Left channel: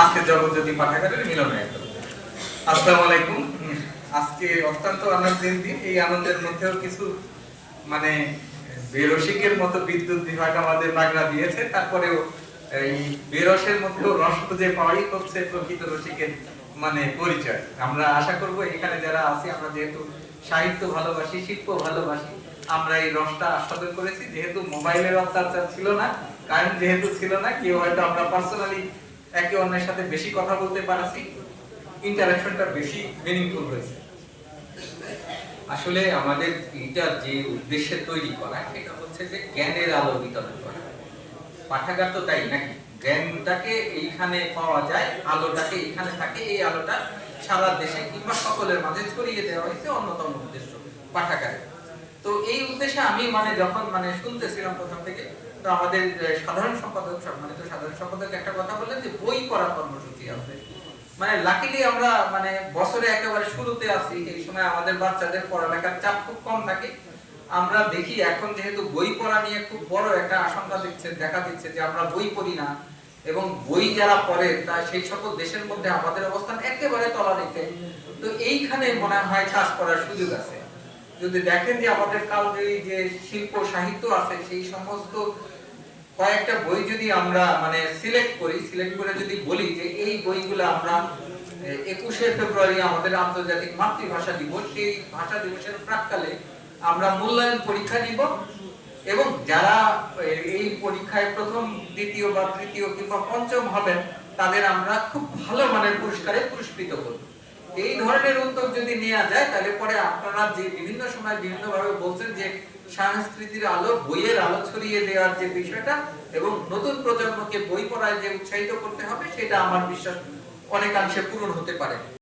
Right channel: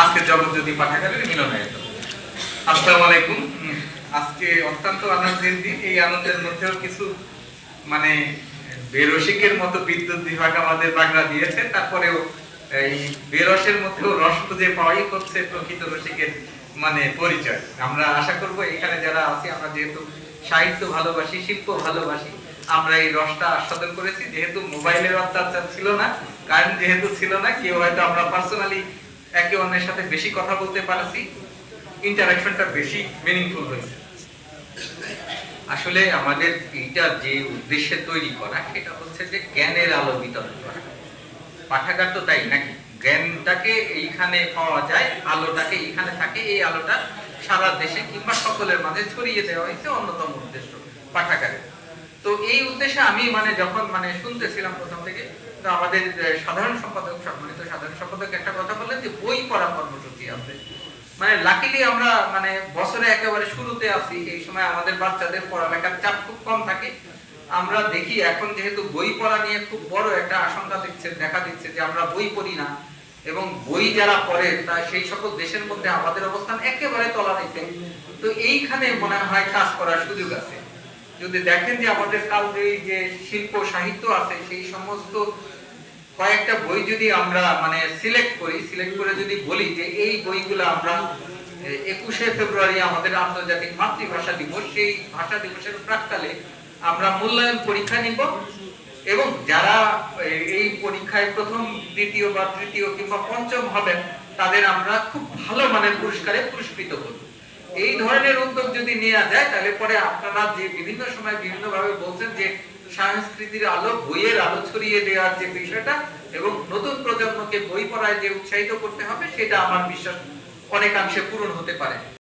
আজকে জগৎজ্যোতি পাঠাগারের মিলনায়তন। আসসালামু আলাইকুম। আজকে অত্যন্ত আনন্দের দিন। এই আনন্দের মধ্যেও কিছু মানে বেরসিকের মতো বিদ্যুৎ বিভাগ আমাদের বাগড়া দিয়েছে। তারপরেও এই বেরসের মধ্যেও রস খুঁজে পাওয়াই হচ্ছে প্রকৃত রসিকের মানে পরিচয়। আমরা আশা করব এখানে যারা আছি, আমরা যেহেতু সাহিত্য ভালোবাসি, শিল্প ভালোবাসি, আমরা এই রসটা আস্বাদন করেছি। যেহেতু মোবাইলের অত্যাচার ছিল না, কারেন্ট যেহেতু ছিল না, কেউ হয়তো আমরা পার্সোনালি একে অন্যের সাথে বেশি কথা বলতে পারছি, ইন্টারাকশনটা বেশি মিনিংফুল হয়েছে। আসলে আমাদের এটা যে উদ্দেশ্যে তৈরি করা, সেটা হচ্ছে যে জ্ঞানের আলো বিতরণ করা। পাঠাগার তো তাই নাকি, জ্ঞানটাকে এইখানে পাওয়া যায়, আলোটাকে এইখানে থাকে, এই আলোটা সারা দেশে কিংবা সকলের মাঝে ছড়িয়ে দেওয়া হয়েছে অন্যতম উদ্দেশ্য পাঠাগারে। তো এই উদ্দেশ্যে আমি যখন শুনতেছিলাম প্রথম থেকে, তো আমাদের সাধারণ সম্পাদক, সম্মানিত সাধারণ সম্পাদক একটা কথা বললেন যে বই পড়া কর্মসূচি আছে। লাকিলি আমরা বছরে একেবারে শুরুতে আছি, এই সময় আমাদের বাচ্চাদের পড়ালেখার চাপ খুব কম থাকে। আমরা দেখি এখন যেহেতু বই পড়া নিয়ে খুব বড় একটা আশঙ্কা দেখা দিচ্ছে যে আমরা বই পড়ি না, এবং বই যারা পড়ে তা সেই সকল দেশের মধ্যে আমাদের অবস্থান একেবারে তলানিতে। তো এইখানে মনে হয় কাজ করার সুযোগ আছে। যদি দেখেন যে আমাদের কালজয়ী যে শিল্প সাহিত্য আছে, সেই সমস্ত কয়েকটা বই যদি আমরা সিলেক্ট করে যদি বলি যে এই বইগুলো আমরা 21শে ফেব্রুয়ারি আমাদের আন্তর্জাতিক মাতৃভাষা দিবস, সেই ভাষা দিবসের প্রাক্কালে আমরা মূল্যায়ন পরীক্ষা নিব, এবং যারা এই পরীক্ষায় প্রথম, দ্বিতীয় বা তৃতীয় কিংবা পঞ্চম হবেন, তাদের আমরা খুব ভালো মানের পুরস্কারে পুরস্কৃত করব। এই ধরনের উদ্যোগ যদি নেওয়া যায়, তাহলে পরে আপনারা যে বিভিন্ন সময় বিভিন্ন ভাবে বলছেন যে সংস্কৃতির আলো, বইয়ের আলো ছড়িয়ে দেওয়ার যে বিষয়টা এবং নতুন প্রজন্মকে বই পড়ায় যে উৎসাহিত করতে হবে, সেটা আমার বিশ্বাস অনেকাংশে পূরণ হতে পারে।